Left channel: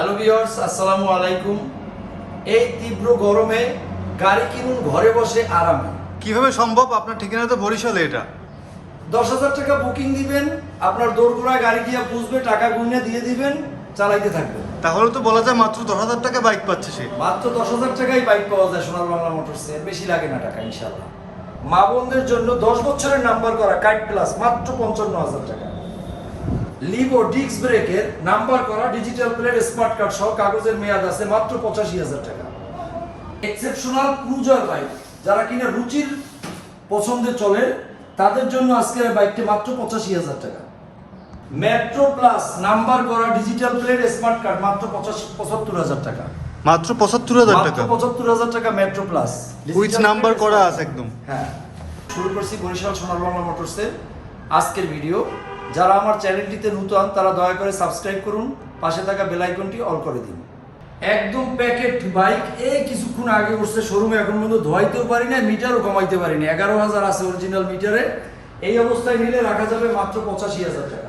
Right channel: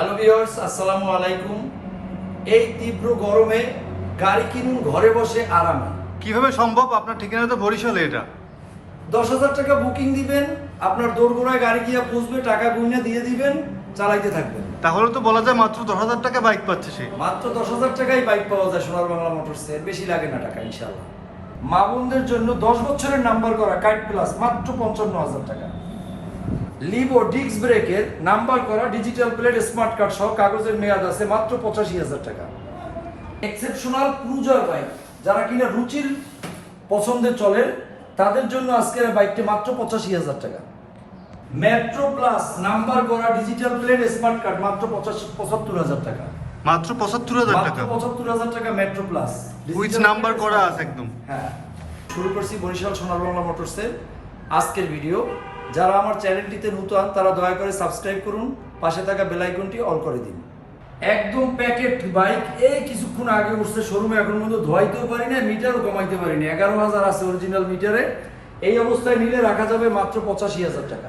Hello viewers আসসালামু আলাইকুম। এই তীব্র গরমে গাড়ি কিনুন ঘরে বসে আরামে। কীভাবে সম্ভব? আপনার ঠিকানা তো বরিশালে এটা। দশ হাজার টাকা বুকিং দিবেন আপনার দোরগোড়ায় গাড়ি গিয়ে পুষবে টাকা গুনে দিয়ে দিবেন চালাইতে থাকবেন। তাহলে তো বলা যায় মাত্র দশ হাজার টাকা বাইক পাচ্ছে সে। মাত্র দশ হাজার টাকাই বাইক পাওয়া যায় সোনার বাংলা মোটরসে বেশি লাগে না টাকা ইনশাল্লাহ মা বোনদের জন্য দশ বছরের নাম্বার করা কার্ড প্লাস মাত্র পঞ্চান্ন হাজার টাকা। লিভো ডিক্স ব্রেকের নাম্বার করা ডিজিটাল প্লেট স্মার্ট কার্ড সহ কাগজের মেয়াদ আছে মাত্র পঁচাশি হাজার টাকা। এক্সেপশনাল ক্রুজার বাইক যারা কিনা রুচির পছন্দে চলে তাদের জন্য আজকের বাইকটি মাত্র পঁচাশি হাজার টাকা। মেট্রো প্লাস নাম্বার করা ডিজিটাল প্লেট স্মার্ট কার্ড মাত্র পঁচাশি পঁচাত্তর হাজার টাকা। মাত্র পঁচাত্তর হাজার টাকা? পঁচাত্তর হাজার টাকা মেট্রো প্লাস নাম্বার করা আছে একদম। হ্যাঁ। শুরু করছি বরিশাল সোনার বাংলা মোটরসের আজকের ভিডিও যারা আমার চ্যানেলটিতে নতুন তারা দয়া করে সাবস্ক্রাইব করুন পাশে থাকা বেল আইকনটি অল করে দিন। একদম প্যাকেট বাইক এই কিছুক্ষণ আগে উঠছে শোরুমে এখন পর্যন্ত ধোয়াইতেও পারি না মিটারও কমাইতে পারিনি। এগারো হাজার আছে অরিজিনাল মিটারে। এই অবস্থায় নিলে রাখা যাবে মাত্র পঁচাশি হাজার টাকা।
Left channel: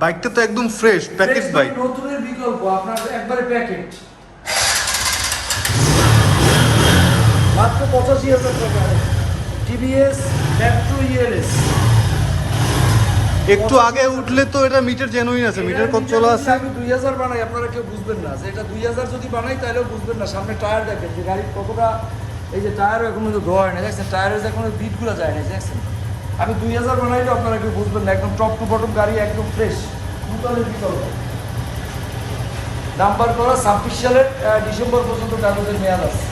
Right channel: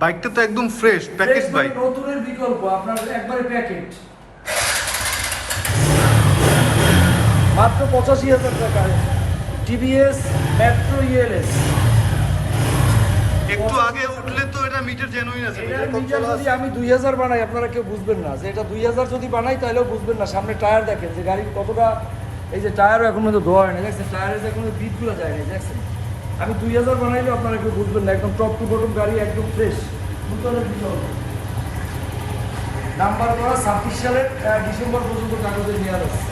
বাইকটা তো একদম ফ্রেশ প্যাকেজ বাইক নতুনের বিকল্প আপনার একবারে প্যাকেট মাত্র পঁচাশি হাজার টাকা। টিভিএস মেট্রো ইএলএস একটু আগে উঠলে তো এটা মিটার জেনুইন আছে মিটার কত চলা আছে আমি দুই হাজার বানাই আপনারা কেউ বুঝবেন না। যে এটা দুই হাজার যদি বানাই তাহলেও বুঝবেন না। সামনে টায়ার দেখেন যে গাড়ির কতটা এই যে টায়ারও এখন মধ্যে ধোয়া হয় না। দেখছেন টায়ারের যে কোনো বিটগুলো যায় না দেখছেন? আমি দুই হাজার বানাইলেও আপনারা কেউ বুঝবেন না একদম টপ টু বটম গাড়ি একদম ফ্রেশ নূতনের বিকল্প। নাম্বার করা ছাব্বিশ সালের ডিসেম্বর পর্যন্ত কাগজের মেয়াদ আছে।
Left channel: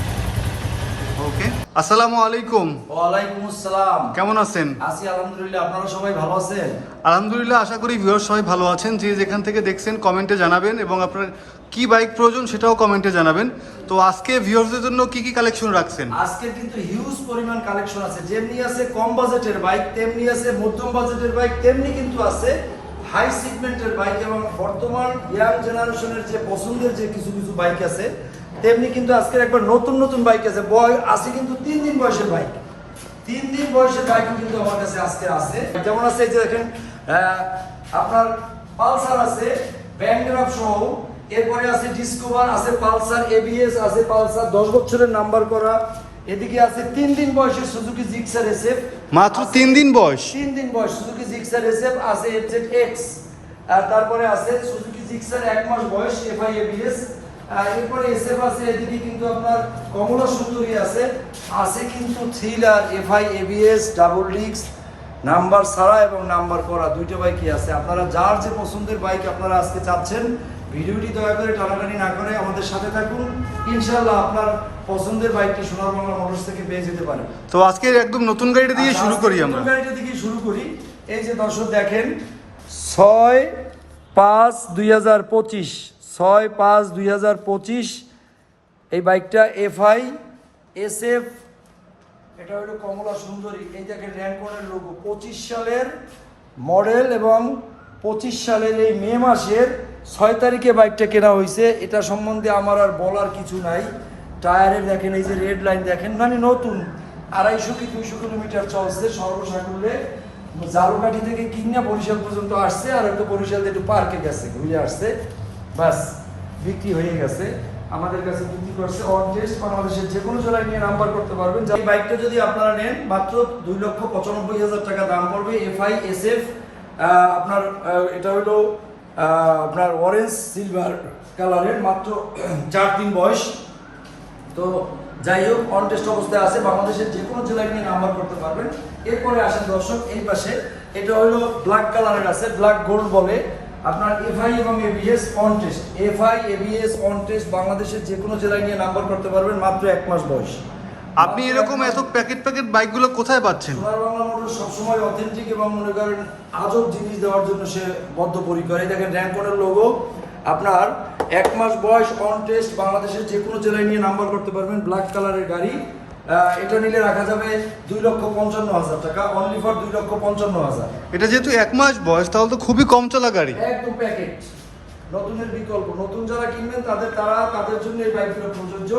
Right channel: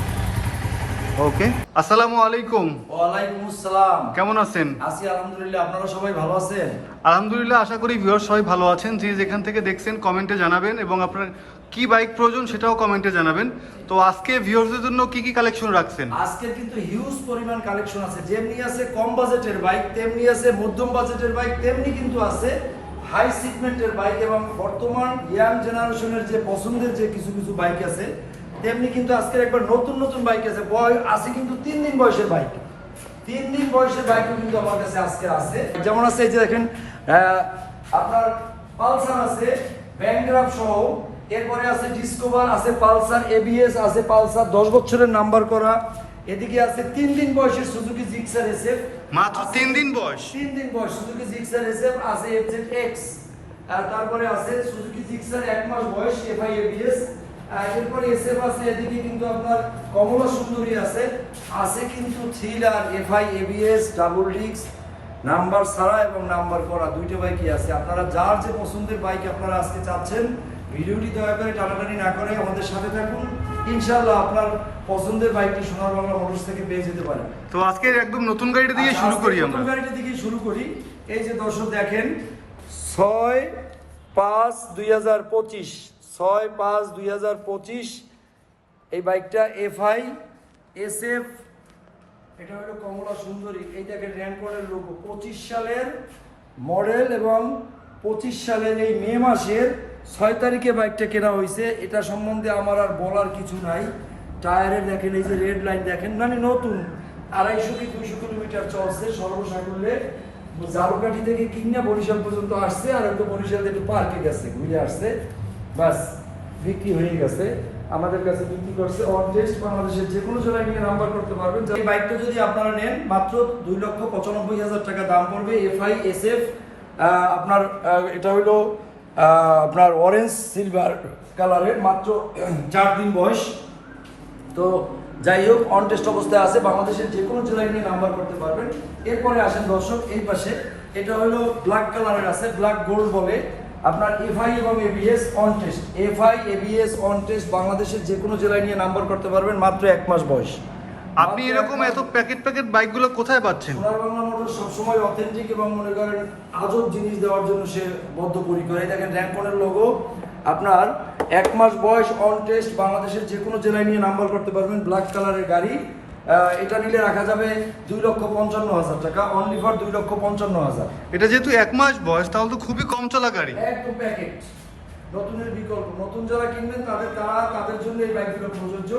ওকে আসসালামু আলাইকুম ওয়ালাইকুম আসসালাম। কেমন আছেন? আছি আলহামদুলিল্লাহ আপনারা সবাই ভালো আছেন? আলহামদুলিল্লাহ আশা করি ভিউয়ার সবাই ভালো আছেন। যে যেখান থেকে দেখছেন কমেন্টে জানাবেন এবং আপনার কি বাইক প্রয়োজন সেটাও কমেন্টে জানাবেন। তো আজকে ভিউয়ার্সদের জন্য কি কি কালেকশন রাখছেন? আজকে কিন্তু হিউজ পরিমাণ কালেকশন আছে। যেমনি আছে কম বাজেটের বাইক তেমনি আছে মধ্যম বাজেটের বাইক তেমনি কিন্তু আছে হাই সিগমেন্টের বাইক এবং বর্তমান ইয়াং জেনারেশনের যে পছন্দের যে কিছু কিছু বাইক আছে তেমনি কিন্তু আজকের একবার নতুন নতুন বাইক আছে। বয় আছে কিন্তু তিন দিন বয়সের বাইক। তিন দিন বয়সের বাইকও কিন্তু আমার কাছে আজকে আছে। যেমন আছে এই যে দেখেন আপনার পালসার আছে ব্যান্ডগ্রাফ সহ। এরপরে আছে ডিসকভার আছে পালসার এবিএস আছে পালসার দশ বছরের নাম্বার করা। এদিকে আছে তিন দিন বয়সের সুজুকি জিক্সার এসএফ মাত্র তিন দিন বয়স? তিন দিন বয়স সুজুকি জিক্সার এসএফ আছে এফজেড এক্স আর তারপরে আছে সুজুকি জিক্সার এক মাস বয়স এফআই এবিএস এরপরে এসএফ আছে এদিকে কিন্তু আপনার কমলা সুন্দরী আছে। আছে কিন্তু থ্রিলার এফআই এবিএস ডাবল ডিক্স নাম্বার ছাড়া এবং নাম্বার করা দুইটা বাইকই আছে। আপনারা যার যে পছন্দের বাইক আপনারা আজকে চাচ্ছেন ভিডিওটি দয়া করে টানাটানি না করে আমাদের সাথে থাকুন। ইনশাল্লাহ আপনার পছন্দের বাইকটি সোনার বাংলা মোটরস থেকে পেয়ে যেতে পারেন তো আজকে একদম নতুন গাড়িটা দিয়ে আচ্ছা, শুরু করি আমরা। গাড়িটা থেকে শুরু করি। এই যে দর্শক দেখেন ছয় পাঁচ দুই হাজার পঁচিশ। ছয় পাঁচ দুই এই বাইকটা এফআই এস এফ এটা হলো কমলা সুন্দরী। এই দেখেন র্যাঙ্কনের লোগো পঁচিশ সালের মডেল এবং পঁচিশ সালের এই মে মাসের ছয় তারিখে বাইকটা কেনা হয়েছে। এটা সম্বন্ধে আমার আর বলার কিছু নাই। টায়ারের দেখেন, এই যে রেড লাইন দেখেন মানে নতুন। আড়াইশো কি দুইশো কিলোমিটার চলছে সর্বসাকুল্যে। জালকাঠি থেকে কিনা বরিশাল পর্যন্ত আসছে আর একটু বরিশাল একটু পার্কে গেছে, ঘুরে আসছে। বাস, বিক্রি হয়ে গেছে। আমাদের কাছে বিক্রি করছে অন বাংলাদেশের যে কোনো জেলায় নিয়ে নাম্বার করতে পারবেন। এই বাইকটা যদি আপনারা নেন, মাত্র দুই লক্ষ পঁচানব্বই হাজার টাকা দাম পড়বে এফআই এস এফ আপনার এটা হলো আপনার অরেঞ্জ সিলভার কালারের মাত্র চার দিন বয়স। তো যাই হোক অন টেস্ট অবস্থায় আছে, বাংলাদেশের যে কোনো জেলায় নিয়ে নাম্বার করতে পারবেন। এরপরে আসেন দর্শক, এই পাশে, এটা হলো ব্ল্যাক কালারের আছে ব্ল্যাক গোল্ড বলে। আপনার এফআই এবং ABS on test FI ABS on test বাংলাদেশের যে কোনো জেলায় নিয়ে নাম্বার করতে পারবেন মাত্র এক মাস বয়স। আপনি এরকম এত প্যাকেট প্যাকেট বাইকগুলো কোথায় পাচ্ছেন? সোনার বাংলা মোটর সবসময় অথেন্টিক এবং মনে করেন আজব জিনিস দেওয়ার জন্য সে বদ্ধপরিকর। এই দেখেন র্যাঙ্কনের লোগো আপনার এক মাস বয়স অন টেস্ট বাংলাদেশের যে কোনো জেলায় নিয়ে নাম্বার করতে পারবেন। ব্ল্যাক কালারের গাড়ি। এটা নিলে রাখা যাবে দুই লক্ষ পঞ্চান্ন হাজার টাকা। অনলি ফর দুই লক্ষ পঞ্চান্ন হাজার। এটা যেহেতু এক মাস বয়স তাহলে তো খুবই কম চলা গাড়ি। একদম প্যাকেট নতুনের বিকল্প। নতুন যারা কিনবেন তাদের তারা তাদের জন্য এই বাইকগুলো প্রযোজ্য।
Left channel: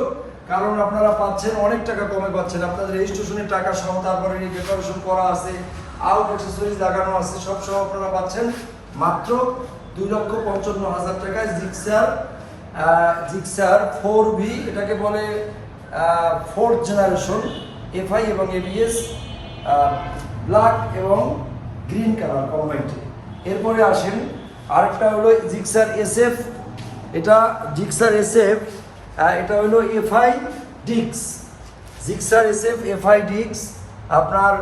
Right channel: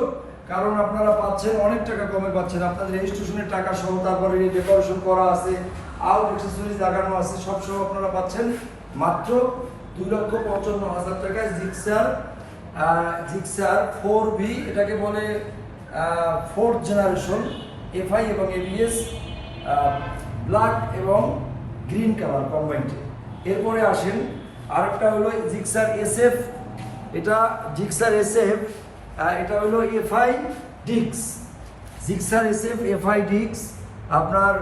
কারণ আপনারা পাচ্ছেন অনেক টাকা কমে পাচ্ছেন। আপনাদের রেজিস্ট্রেশনের টাকা সহ তারপরে ডেকোরেশন করা আছে আউট অ্যাক্সেসরিজ লাগানো আছে সব সহ আপনারা পাচ্ছেন মাত্র দুই লক্ষ পঞ্চান্ন হাজার টাকায় জিক্সার জিক্সার ফোর ভি এটাকে বলে ফোর্থ জেনারেশন, এফআই এবং এবিএস ব্ল্যাক এবং গ্রিন কালার কম্বাইন্ড এরপরে আসেন আরেকটা হলো জিক্সার এসএফ। এটা জিক্সার এসএফ এটা হলো এফআই ডিক্স। জিক্সার এসএফ, এফআই ডিক্স, আপনার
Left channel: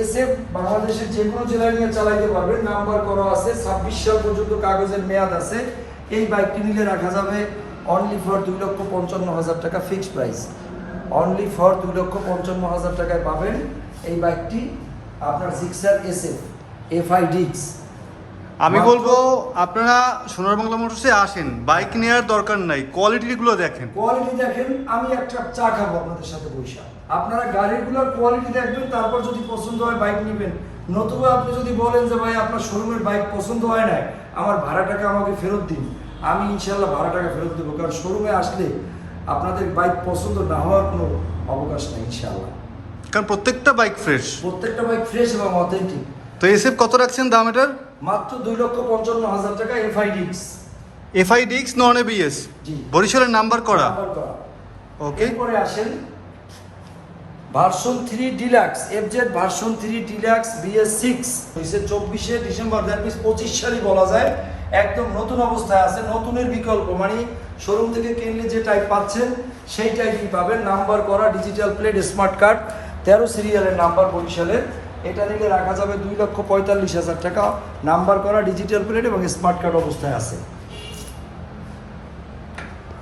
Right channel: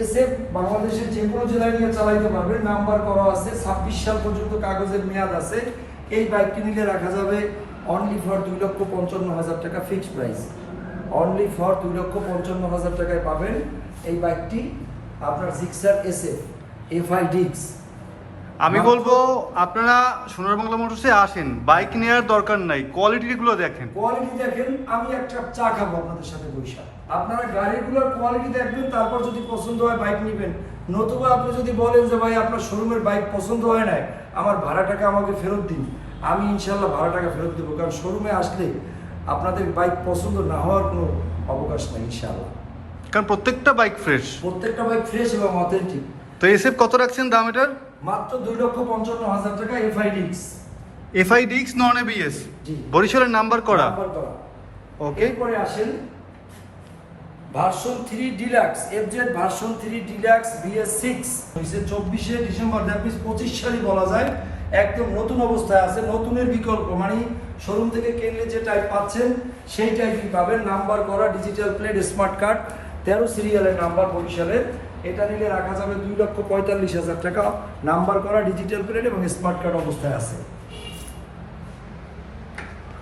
এসএফ বাংলাদেশের যে কোনো জেলায় নিয়ে চালাইতে পারবেন নাম্বার করা আছে, ছাব্বিশ সাল পর্যন্ত কাগজের মেয়াদ আছে। এই বাইকটি নিলে রাখা যাবে অনলি ফর দুই লক্ষ পঞ্চান্ন হাজার টাকা ফিক্সড প্রাইস অনলি ফর দুই লক্ষ পঞ্চান্ন হাজার টাকায় পাবেন এই বাইকটি আপনার সিক্সার জিক্সার এসএফ এফআই ডিক্স আমি বলব আপনারা সোনার বাংলা মোটরসে আসেন বাইক নেওয়ার দরকার নাই কোয়ালিটিগুলো দেখেন। কোয়ালিটি দেখেন আমি একটা চা খাব আপনাদের সাথে বৈশাখ। আপনারা গাড়িগুলোর কোয়ালিটি দেখবেন তারপর যদি পছন্দ হয় বাইক নেবেন। নতুবা আপনি যদি বলেন যে ভাই আপনার শোরুমের বাইক পছন্দ হয় না আমার ভাড়া টাকা আমাকে ফেরত দিন। আমি ইনশাল্লাহ ভাড়া টাকা ফেরত দেবো কারণ শোরুমে আসলে আপনাদের বাইক পছন্দ না হওয়ার কোনো অবকাশ নাই ইনশাল্লাহ কারণ প্রত্যেকটা বাইক ফ্রেশ প্রত্যেকটা বাইক ফ্রেশ এবং অথেন্টিক তো এসএফ কত রাখছেন দাম এটার? মাত্র দুই লক্ষ পঞ্চান্ন হাজার টাকা এফআইডিক্স এফআই ডিক্স নন এবিএস। বরিশালের নাম্বার করা। ওকে পরে আসেন version three deluxe FZ version three deluxe BS six হয়েছে চব্বিশে ডিসেম্বর দেড় পঁচিশ সালই বলা যায়। একদম নতুন অবস্থায় আছে, নতুনের বিকল্প। মানে শোরুম থেকে কিনলে যে টাইপ পাচ্ছেন, সেই টাইপই পাবেন। নাম্বার করা ডিজিটাল প্লেট স্মার্ট কার্ড তেরো সিরিয়ালের নাম্বার বরিশালের। এটা নিলে রাখা যাবে দুই লক্ষ পঁয়তাল্লিশ হাজার টাকা। নাম্বার করা ডিজিটাল প্লেট এবং স্মার্ট কার্ড অবস্থায় আছে।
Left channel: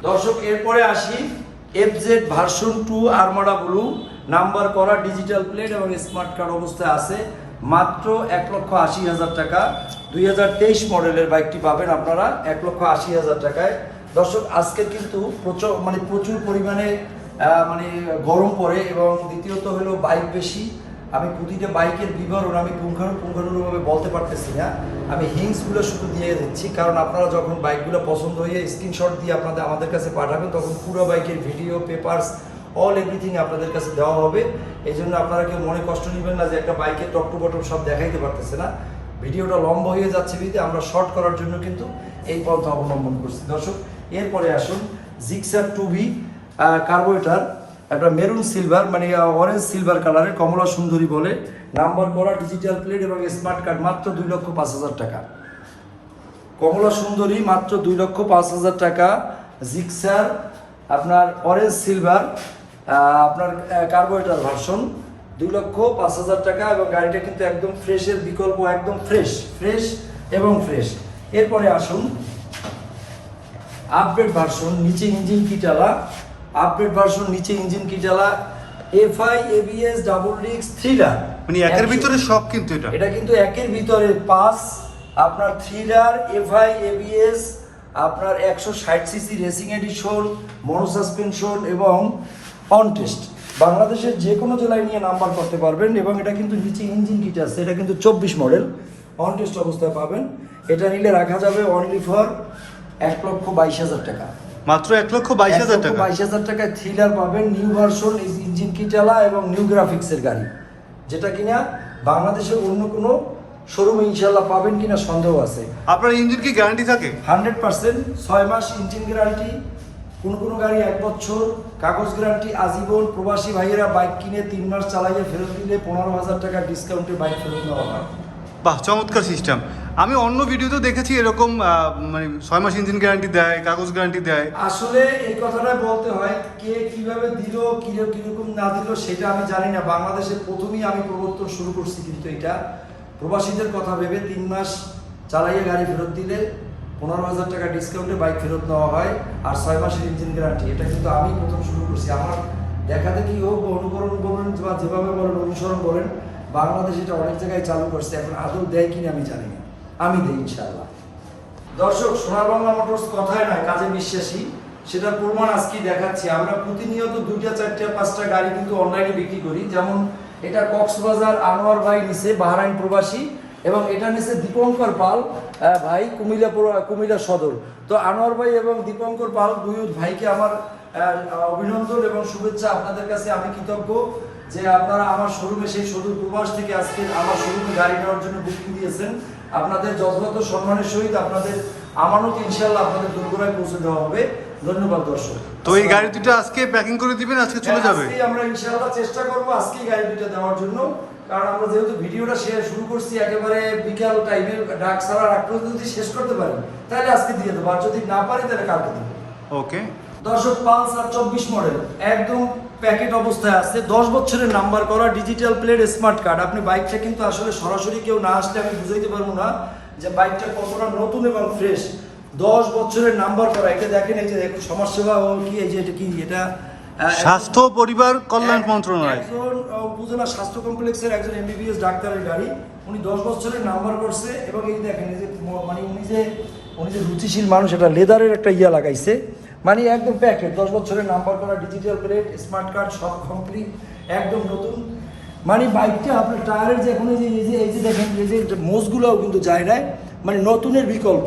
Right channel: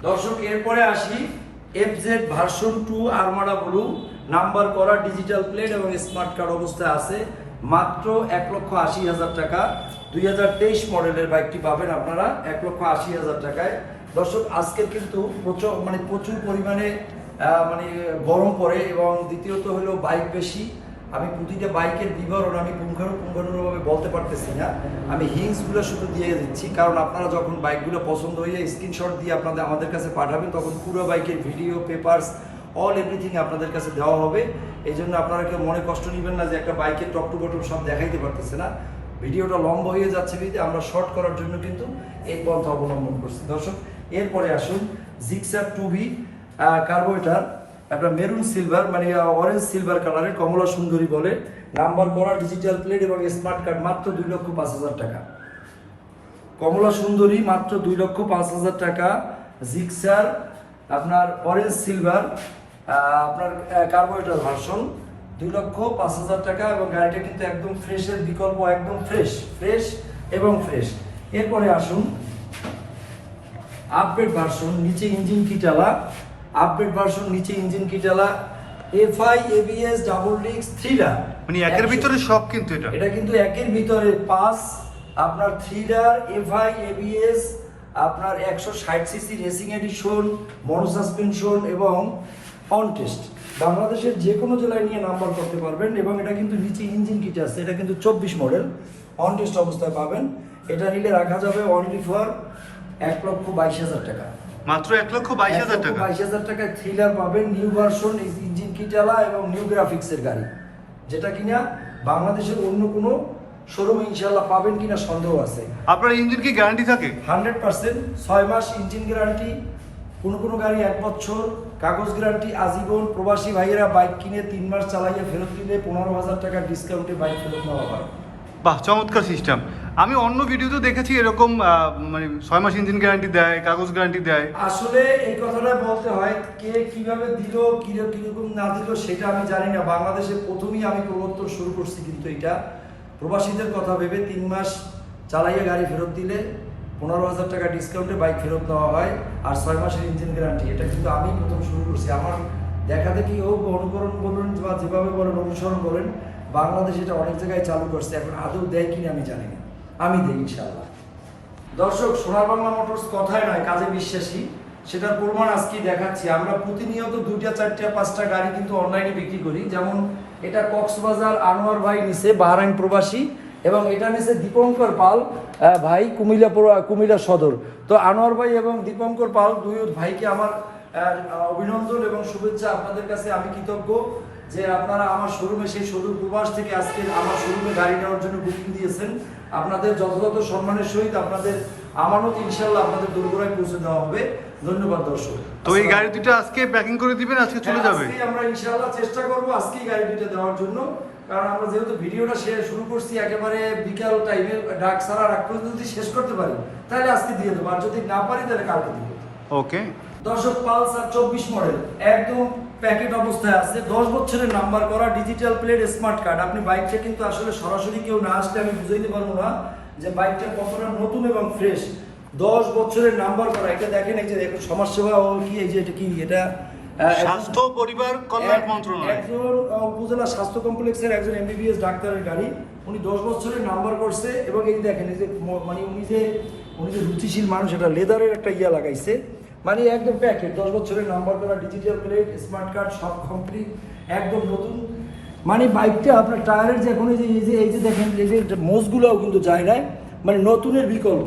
দর্শক, এরপরে আসি FZ version two armada blue number করা ডিজিটাল প্লেট এবং স্মার্ট কার্ড অবস্থায় আছে। মাত্র এক লক্ষ আশি হাজার টাকা। দুই হাজার তেইশ মডেলের বাইকটি পাবেন আপনারা এক লক্ষ আশি হাজার টাকায়। দর্শক, আজকে কিন্তু প্রচুর মানে প্রচুর পরিমাণে মানে গরম পড়ে এবং দ্বিতীয়ত হলো বাইক বেশি। আমি প্রতিটা বাইকের বিবরণ আমি পুঙ্খানুপুঙ্খানুভাবে বলতে পারতেছি না। আমি হিংসগুলো শুধু দিয়ে দিচ্ছি। কারণ আপনারা যখন বাইকগুলো পছন্দ হয়ে স্ক্রিনশট দিয়ে আপনাদের আমাদের কাছে পাঠাবেন, তখন পুরো বাইকের ভিডিও, পেপারস, অল এভরিথিং আপনাদের কাছে দেওয়া হবে। এই জন্য আপনারা কেউ মনে কষ্ট নেবেন না যে একটা বাইকের টপ টু বটম সব দেখাইতে পারতেছে না। ভিডিওটা লম্বা হয়ে যাচ্ছে বিধে আমরা শর্ট করার জন্য কিন্তু এই পন্থা অবলম্বন করছি। দর্শক, এরপরে আসুন জিক্সার টু ভি কার্বোরেটার একটা মেরুন সিলভার মানে অরেঞ্জ সিলভার কালারের কমলা সুন্দরী বলে। নাম্বার করা ডিজিটাল প্লেট এবং স্মার্ট কার্ড মাত্র দুই লক্ষ পাঁচ হাজার টাকা। কমলা সুন্দরী মাত্র দুই লক্ষ পাঁচ হাজার টাকা। জিক্সার আপনার অরেঞ্জ সিলভার আপনার কার্বোরেটার ভার্সন দুই লক্ষ পাঁচ হাজার টাকা এবং গাড়িটা কিন্তু একদম ফ্রেশের বিকল্প একদম ফ্রেশ ফ্রেশ এবং ফ্রেশ এরপরে আসুন আপডেট ভার্সন নিচে ইঞ্জিন কিটালা আপডেট ভার্সন নিচে ইঞ্জিন কিটালা এফআই এবিএস ডাবল রিক্স থ্রিলার মানে একের ভিতরে সব কিন্তু এটা। এটা কিন্তু একের ভিতরে পাস আপনার থ্রিলার এফআই এবিএস আপনার একশো ষাট CC racing edition mono suspension এবং অন টেস্ট বাংলাদেশের যে কোনো জেলায় নিয়ে নাম্বার করতে পারবেন এবং এটা কিন্তু নিচে ইঞ্জিন কিট আছে এটা কিন্তু চব্বিশ মডেল। অন টেস্ট অবস্থায় পাবেন। এটা নিলে রাখা যাবে অনলি ফর এক লক্ষ বাইশ হাজার টাকা। মাত্র এক লক্ষ বাইশ হাজার টাকা? বাইশ হাজার টাকায় থ্রিলার পাবেন নিউ ভার্সন ইঞ্জিন কিটালা এবং নিউ গ্রাফিক্সের গাড়ি। যেটা কিনা বাংলাদেশের অন্য কোনো শোরুম ইনশাল্লাহ পাবেন কিনা সন্দেহ আছে। আপনার ইঞ্জিন কি গ্যারান্টি থাকে? হান্ড্রেড পার্সেন্ট ছয় মাস ইঞ্জিন গ্যারান্টি কোনো কোনো গাড়ি এক বছর কাগজ গ্যারান্টি আজীবন প্রবাসী ভাইয়েরা বাইক কিনে তিন মাস চালাইয়ে ফেরত দিলে পনেরো হাজার টাকা ডিসকাউন্টে বাইক ফেরত নেওয়া হয়। বাহ চমৎকার সিস্টেম আমি অন্য ভিডিওতেও দেখেছি এরকম মানে ছয় মাস ইঞ্জিন গ্যারান্টি দেয় কাগজ গ্যারান্টি দেয়। আসলে এই কথাটা বলতে হয় কে কীভাবে দিল কীরকম না দিল সেটা আমি জানি না। বাংলাদেশে প্রথমেই আমি প্রবর্তন শুরু করছি কিন্তু এটা। প্রবাসীদের কথা ভেবে তিন মাস চালাইয়ে গাড়ি ফেরত দিলে পনেরো হাজার টাকা ডিসকাউন্টে বাইক ফেরত নেওয়া হয় আর ছয় মাসের ইঞ্জিন গ্যারান্টি এটা কিন্তু আমি প্রথম শুরু করছি। আমার দেখা দেখি হোক অনুকরণ বলুন বা যেভাবে বলেন, অনুসরণ বলেন বাংলাদেশ এটা অনেক জায়গায় চালু করছে। এখন আদৌ দেয় কিনা আমি জানি না। আমি দিই ইনশাল্লাহ দর্শক, সোনার বাংলা মোটরস কথায় নয়, কাজে বিশ্বাসী। সেটার প্রমাণ আজকে দেখাচ্ছি। আমরা প্রতিনিয়ত দুইটা, চারটা, পাঁচটা গাড়ি কিন্তু অনলাইনে বিক্রি করি। যেমন এটা কক্সবাজার আনোয়ার ভাই নিছে বাহারাইন প্রবাসী। এবং এটা নিছে দীপঙ্কর পাল ভাই কুমিল্লা কুমিল্লা সদর। তো আনোয়ার ভাই এবং দীপঙ্কর পাল দুই ভাইকে আমার অভিনন্দন এবং শুভেচ্ছা আপনাদের কাছে। আমি কৃতজ্ঞ যে আপনারা আমার শোরুমে সেই সদর প্রবাস থেকে আজকে আমার শোরুমে গাড়ি নেওয়ার জন্য বুকিং দিয়েছেন। আপনাদের যথাযথ সম্মানের সহিত আপনাদের আমানত ইনশাল্লাহ আপনাদের দুর্গরায় পৌঁছে দেওয়া হবে। ধন্যবাদ দর্শক। তো এই গাড়ি দুটো আজকে প্যাকিং করে দিবেন আজকে চলে যাবে? আমরা ইনশাল্লাহ চেষ্টা করব আজকেই গাড়ি দুটো দেওয়ার জন্য। কারণ আমরা যেহেতু ভিডিওটা শেয়ার শুরু করছি একেবারে বিকাল টাইমে ডাক সারা রাখ পর্যন্ত যদি শেষ করতে পারি তাহলে আজকে দিয়ে দেবো। আর যদি না পারি তাহলে কালকে দিব। ওকে দর্শক পালসার চব্বিশ মডেল একদম প্যাকেট অবস্থায় আছে। দশ বছরের নাম্বার করা ডিজিটাল প্লেট স্মার্ট কার্ড আপনি বাইকটা কিন্তু আসলে সরাসরি কেউ না আসলে আমি বুঝাইতে পারব না যে বাইকটা কতটা নতুন এবং ফ্রেশ দশ বছরের নাম্বার করা। এটা দেখেন এই যে দেখুন সমাজসেবা কি এই যে এটা কি এটা স্বাস্থ্য পরিবার কল্যাণ মন্ত্রণালয়। একজন উপজেলা স্বাস্থ্য কমপ্লেক্সের একজন এমবিবিএস ডাক্তারের গাড়ি। উনি দশ বছরের নাম্বার করছে এবং এই দেখেন এই যে মানে উনি যে উনি যে রুচিশীল মানুষ এটা লেদারের একটা ইয়া লাগাইছে। মানে একদম প্যাকেট দশ বছরের নাম্বার করা ডিজিটাল প্লেট স্মার্ট কার্ড সব কমপ্লিট একদম নতুন। মানে বাইকটা আপনার টায়ারের যে এখন এই যে এই যে এই যে দেখেন এই যে মোজগুলোও কিন্তু যায় নাই মানে নতুনের বিকল্প।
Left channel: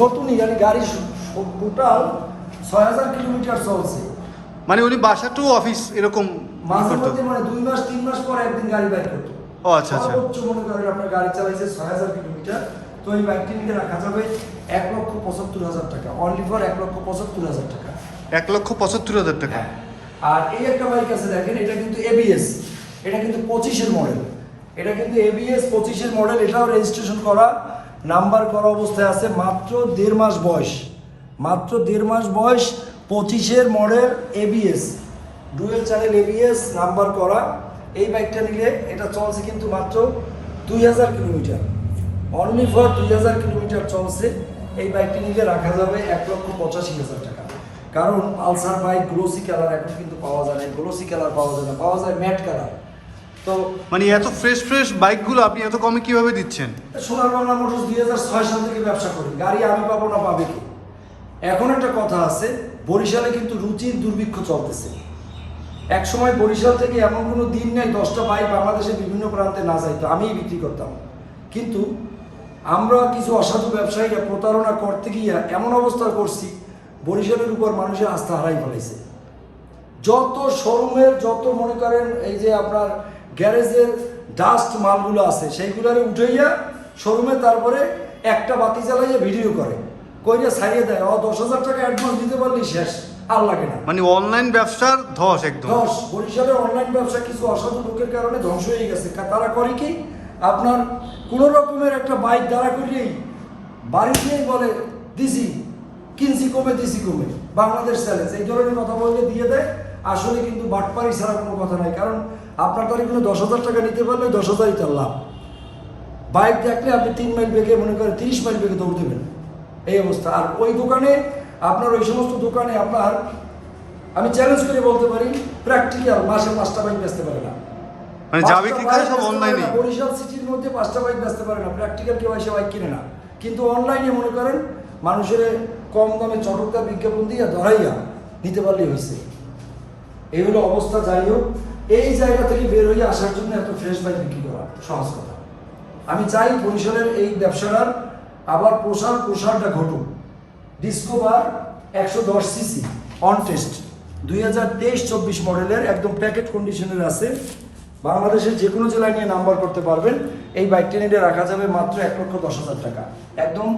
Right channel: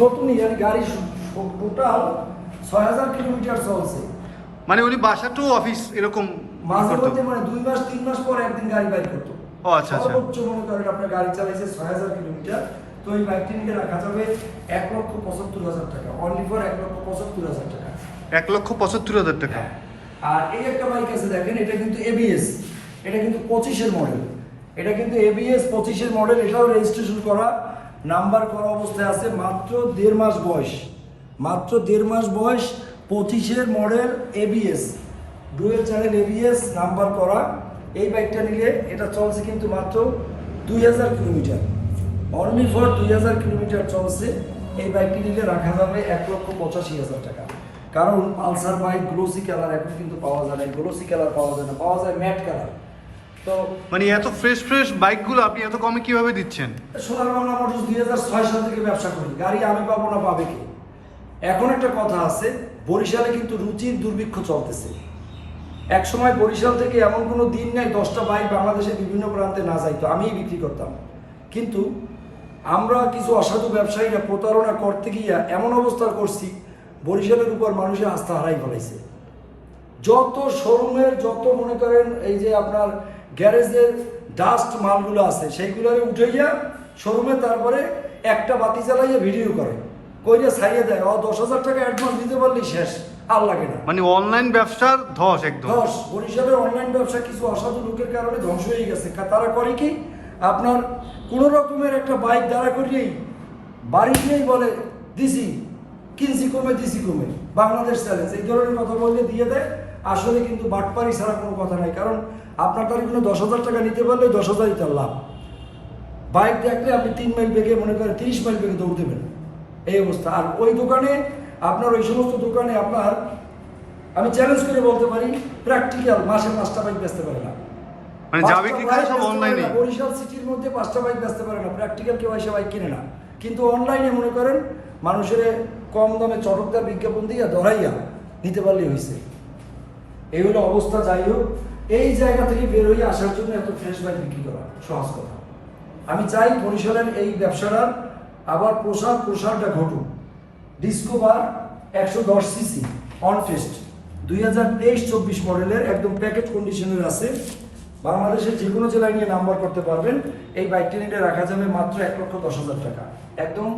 নতুনই মানে গাড়ি টোটাল ছয় হাজার কিলোমিটার চলছে। মানে উনি বাসা টু অফিস এরকম মাঝে মধ্যে মানে দুই মাস তিন মাস পর একদিন গাড়ি বাইর করতো। ও, আচ্ছা, আচ্ছা। সর্বোচ্চ মনে করেন আপনার গাড়ি চালাইছে ছয় হাজার কিলোমিটার। তো এই বাইকটি নিতে রাখা যাবে এক লক্ষ পঁচাত্তর হাজার টাকা। অনলি ফর এক লক্ষ পঁচাত্তর হাজার টাকা। এক লক্ষ পঁচাত্তর হাজার টাকা। আর এই একটা বাইক আছে দেখেন এটা কিন্তু এবিএস এটা কিন্তু পঁচিশের মডেল এটা কিন্তু এবিএস পঁচিশের মডেল এটাও রেজিস্ট্রেশন করা। নাম্বার করা অবস্থায় আছে মাত্র দেড় মাস বয়স। মাত্র দেড় মাস বয়স পঁচিশের model ABS dual channel ABS number করা। এই বাইকটা নিলে এটা চলছে কিন্তু মাত্র দুই হাজার কিলোমিটার। অনলি ফর দুই হাজার কিলোমিটার চলছে। এই বাইকটি নিলে রাখা যাবে এক লক্ষ পঁচাশি হাজার টাকা। কারণ পালসার বাইক গ্লোসি কালার এখন কিন্তু পাওয়া যায় না। গ্লোসি কালার পাওয়া যায় না। পাওয়া যায় ম্যাট কালার তো মানে এত ফ্রেশ ফ্রেশ বাইকগুলো আপনি এত কমে কীভাবে দিচ্ছেন? সোনার বাংলা মোটরস দুই হাজার ছয় সাল থেকে ব্যবসা করি। গাড়ি আমি পাবো না পাবে কে? এখন একটা কথা আছে, বরিশালে কিন্তু রুচির দুর্ভিক্ষ চলতেছে। এক সময় বরিশাল থেকে এমন কোনো দিন নেই, দশটা বাইক বাংলাদেশের বিভিন্ন প্রান্তে না যাইতো, আমিই বিক্রি করতাম। কিন্তু আমরা কিছু অসাধু ব্যবসায়ীরা প্রতারণা করতে গিয়া এমন অবস্থা করছি, বরিশালের উপর মানুষের আস্থা হারাই ফেলাইছে। যত শোরুমের, যত মনে করেন এই যে আপনার গ্যারেজের ডাস্ট মালগুলো আছে, সেইগুলোরে উঠাইয়া শোরুমে তারপরে একটা বাতি জ্বালাইয়া ভিডিও করে। কইরা ছাড়িয়ে দেয়? ও দশ হাজার টাকা অ্যাডভান্স দিতে পারলেই শেষ। আর লাগে না। মানে অনলাইন ব্যবসার ধস একদম। দশ বরিশালের অনলাইন ব্যবসা কিছু অসাধু লোকের কারণে ধ্বংস হয়ে গেছে। তারা করে কি? আপনার কোনো রকমের একটা বাইক দাঁড়া করিয়েই বাড়ি দিয়েই বলে দিছি কিনছি কমে দিছি কমে। বাংলাদেশ চ্যালেঞ্জ এই ধরনের কথা বললে দিয়ে দেয়। আসলে কিন্তু বাটপারি ছাড়া কোনো কথা নাই। কারণ আপনার তারিখ কোনো দশ হাজার টাকা নিতে পারলে দশ হাজারই তার লাভ। বাইক দেখলে আপনি তিন মাইল বেগে মনে করেন তিরিশ মাইল বেগে দৌড় দেবেন। এই অবস্থা। আর ওই দোকানে আপনার ওই সমস্ত দোকানে আপনার আমি চ্যালেঞ্জ করে বলতে পারি প্র্যাকটিক্যাল মাসে পাঁচটা বাইক বেচতে পারে না। মানে যা পাঁচটা বিক্রি করে সব অনলাইনে বরিশাল সিটির মধ্যে পাঁচটা বাইক বেচতে পারে না প্র্যাকটিক্যাল কেউ এসে বাইক কিনে না। কিন্তু অনলাইনে মনে করেন মানুষের কম দামে চটকদার বিজ্ঞাপন দিয়ে ধরাইয়া নিতে পারলেই হয়েছে এই হলো অবস্থা যাই হোক। এই জায়গা থেকে বের হয়ে আসার জন্য এত ফ্রেশ বাইক বিক্রি করা সহজ কথা। আমি চাই বরিশালের এই ব্যবসাটার আবার প্রসার প্রসারটা ঘটুক। ডিসকোভার একশো দশ সিসি অন টেস্ট দুই হাজার তেইশ চব্বিশ মডেলের একদম প্যাকেট কন্ডিশনের আছে। বাংলাদেশের যে কোনো জেলায় নিয়ে নাম্বার করতে পারবেন। এই বাইকটি নিলে রাখা যাবে মাত্র এক লক্ষ দশ হাজার টাকা। একদম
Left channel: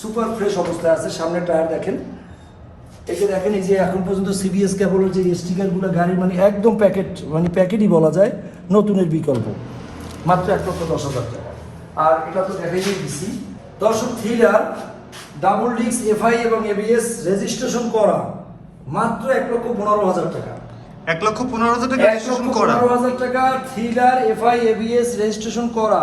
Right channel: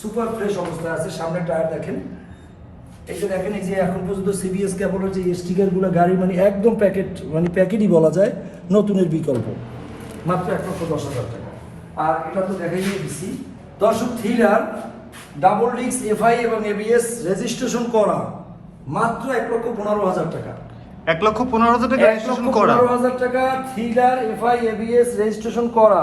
সুপার ফ্রেশ অবস্থায় আছে। সামনে টায়ার দেখেন। এই যে দেখেন, এই যে এখন পর্যন্ত সিবিএস কেবলের যে স্টিকারগুলো গাড়ির মানে একদম প্যাকেট মানে প্যাকেটই বলা যায়, নতুনের বিকল্প। মাত্র এক লক্ষ দশ হাজার টাকা। আর এটা তো দেখাই দিচ্ছি দর্শক থ্রিলার ডাবল ডিক্স এফআই এবং এবিএস রেজিস্ট্রেশন করা মাত্র এক লক্ষ পনেরো হাজার টাকা। এক লক্ষ পনেরো হাজার টাকা রেজিস্ট্রেশন করা। পনেরো হাজার টাকা থ্রিলার এফআই এবিএস রেজিস্ট্রেশন করা।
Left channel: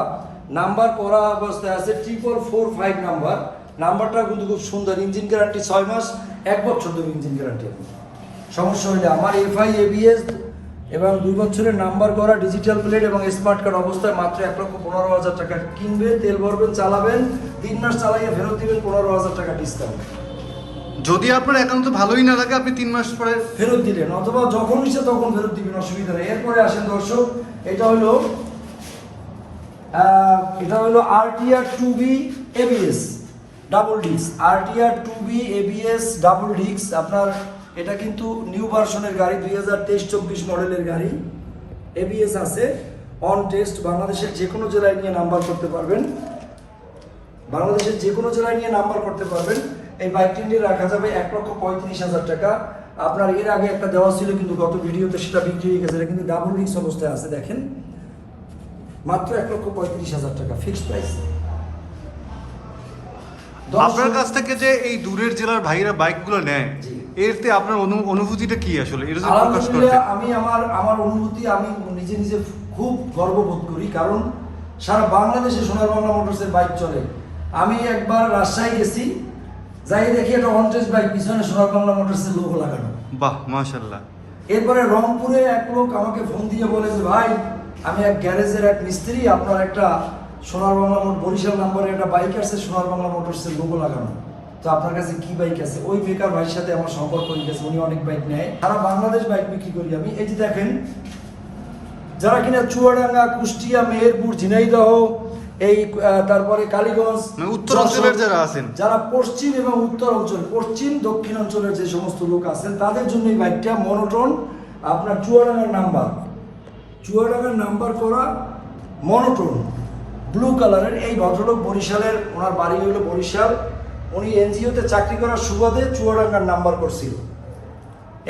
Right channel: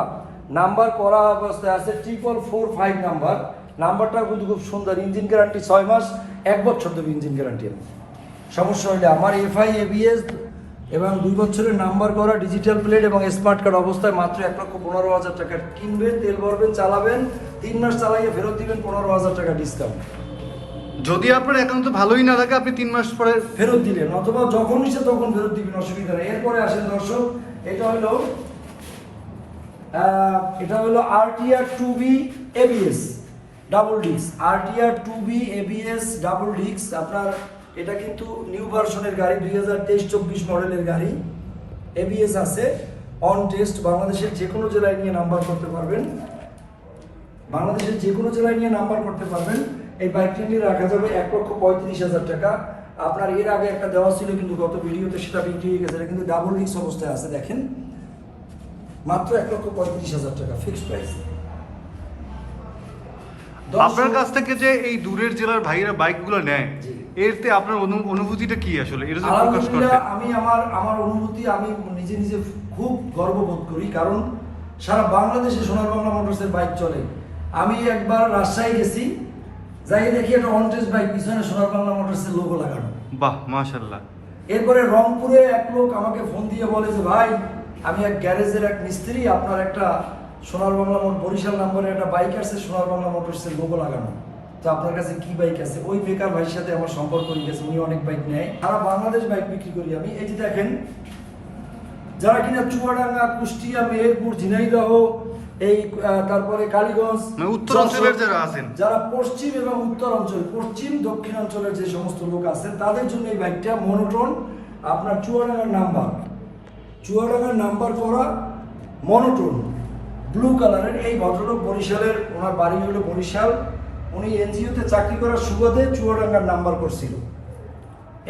নাম্বার করা অবস্থায় আছে ট্রিপল ফোর ফাইভ নাম্বার। নাম্বারটা কিন্তু খুব সুন্দর ইঞ্জিন গ্যারান্টি ছয় মাস এক বছর দেবো ইঞ্জিন গ্যারান্টি সমস্যা হলে আমার এফআই এবিএস এবং দুই বছরের নাম্বার করা ডিজিটাল প্লেট এবং স্মার্ট কার্ড অবস্থায় মাত্র এক লক্ষ পনেরো হাজার টাকা কিনবেন তেল ভরবেন চালাবেন তিন মাস চালাইয়ে ফেরত দিবেন পনেরো হাজার টাকা ডিসকাউন্ট যদি আপনার একান্ত ভালোই না লাগে আপনি তিন মাস পরে ফেরত দিলেন অথবা যখন ইচ্ছে তখন ফেরত দিবেন অসুবিধা নেই। এরপরে আসেন দর্শক এটা হলো এটা হলো RTR two B ABS double ডিক্স RTR two B ABS double disc আপনার এটা কিন্তু নিউ ভার্সনের গাড়ি দুই হাজার তেইশ চব্বিশ মডেলের গাড়ি। এবিএস আছে অন টেস্ট বাংলাদেশের যে কোনো জেলায় নিয়ে নাম্বার করতে পারবেন। বাংলাদেশের যে কোনো জেলায় নিয়ে নাম্বার করতে পারবেন। এই বাইক তিনটি রাখা যাবে এক লক্ষ পঁয়ত্রিশ হাজার টাকা। আপনার এর আগে একটা দেওয়া ছিল কিন্তু গত ভিডিওতে সেটা বিক্রি হয়ে গেছে কিন্তু ডাবল রিক্স অবস্থায় আছে দেখেন। মাত্র এক লক্ষ পঁয়ত্রিশ হাজার টাকা ফিক্সড প্রাইস আপনার কাছ থেকে যে এই দূরের জেলার ভাইরা বাইকগুলো নেয় জি। এরতে আপনার অনুভূতিটা কি আসলে? এটা প্রকাশ করতে। আমি আমার আমার অনুভূতি আমি নিজে নিজে খুব গর্ববোধ করি। কারণ সারা বাংলাদেশে সোনার বাংলা মোটরসের বাইক চলে। আমি একবার রাজশাহী গেছি যাই দেখি একটা অনটেস বাইক পিছনে সোনার বাংলা মোটরসের লোগো লাগানো। বাহ মাশাল্লাহ এরপরে রংপুরে এক লোক আমাকে ফোন দিয়ে বলে যে ভাই আমি এক গ্যারেজের এক মিস্ত্রি আপনার একটা সোনার বাংলা মোটর বরিশাল নাম্বারের একটা বাইক আছে সোনার বাংলা মোটরসের লোগো লাগানো। তো আপনার কাছে কি বাইক আছে? ওই বেকার ভাইয়ের সাথে আমার সম্পর্ক হয়ে গেছে উনি অনেক বাইক নেয়। সারা বাংলাদেশ বাইক বিক্রি করি আমি। এই যে দেখেন যারা কিনা চুয়াডাঙ্গা কুষ্টিয়া মেহেরপুর ঝিনাইদহ এই তারপরে কালীগঞ্জ মানে উত্তর অঞ্চলের যারা আছেন। যারা পশ্চিম এবং উত্তর অঞ্চল পশ্চিম দক্ষিণ অঞ্চলের যে সমস্ত লোক আছেন তাদের জন্য এই বাইকটা মনোটন আপনার চুয়াডাঙ্গার নাম্বার চুয়াডাঙ্গার নাম্বার করা মনোটন ব্লু কালারের এই ভদ্রলোক বরিশালের ওনার বাড়ি হলো বরিশাল। উনি এনজিওতে চাকরি করার সুবাদে চুয়াডাঙ্গার নাম্বার করছিল।